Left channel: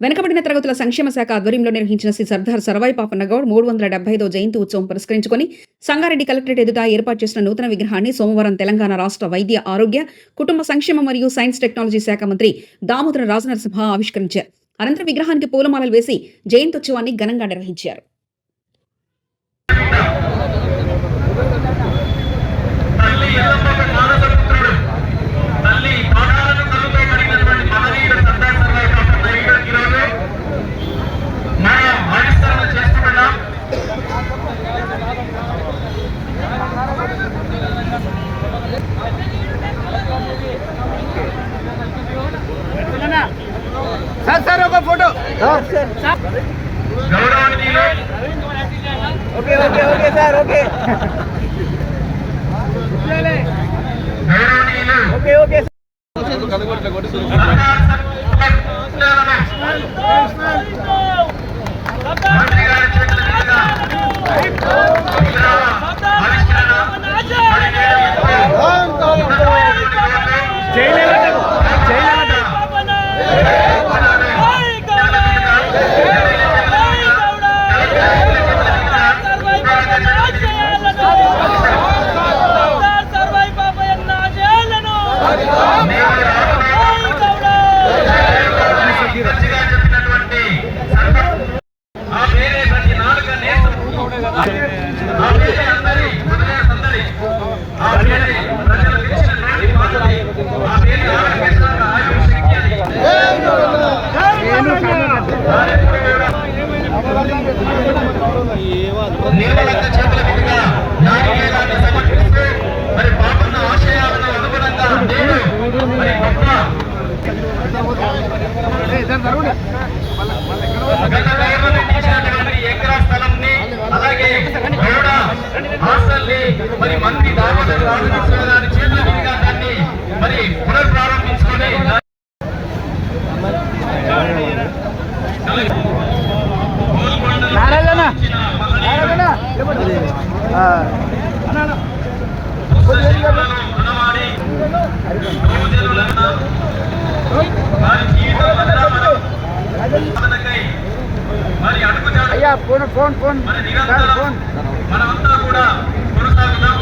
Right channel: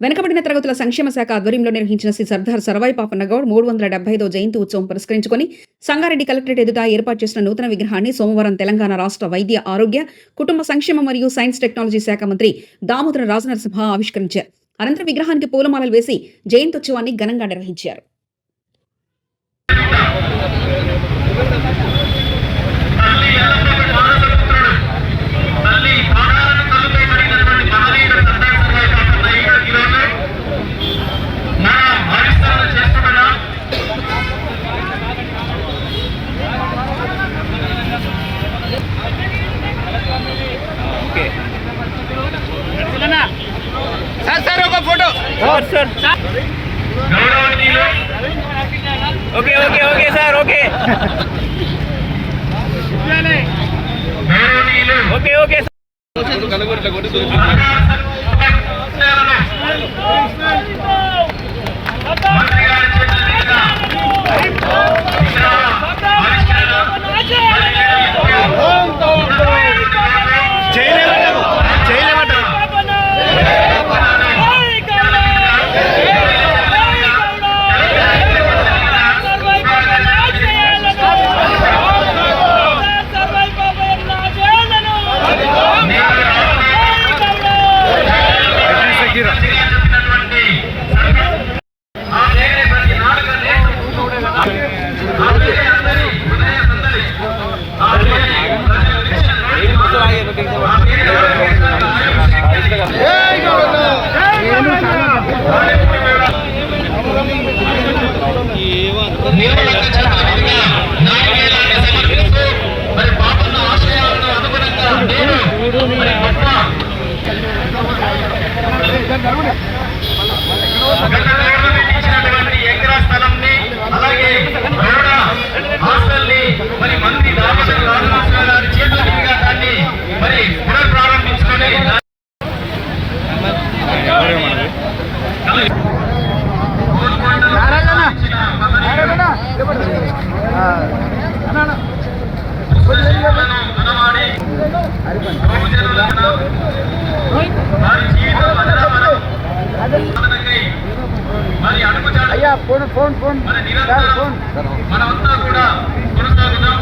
వెనుకబడిన తరగతుల సంక్షేమ శాఖ ఆధ్వర్యంలో నిర్వహించిన శ్రీ సర్దార్ సర్వాయి పాపన్న గౌడ్ 375వ జయంతి ఉత్సవం పురస్కరించుకుని సంగారెడ్డి కలెక్టరేట్ ఎదుట ఏర్పాటు చేసిన నూతన విగ్రహాన్ని సోమవారం తెలంగాణ రాష్ట్ర వైద్య ఆరోగ్య కుటుంబ సంక్షేమ మరియు సైన్స్ టెక్నాలజీ శాఖ మంత్రి దామోదర రాజనరసింహ ఆవిష్కరించారు. అనంతరం విగ్రహానికి పూలమాలలు వేసి జయంతోత్సవాన్ని ఘనంగా నిర్వహించారు. सर ఒక photo sir okay okay okay sir okay okay okay మనమంతా కూడా కొనసాగుదాం.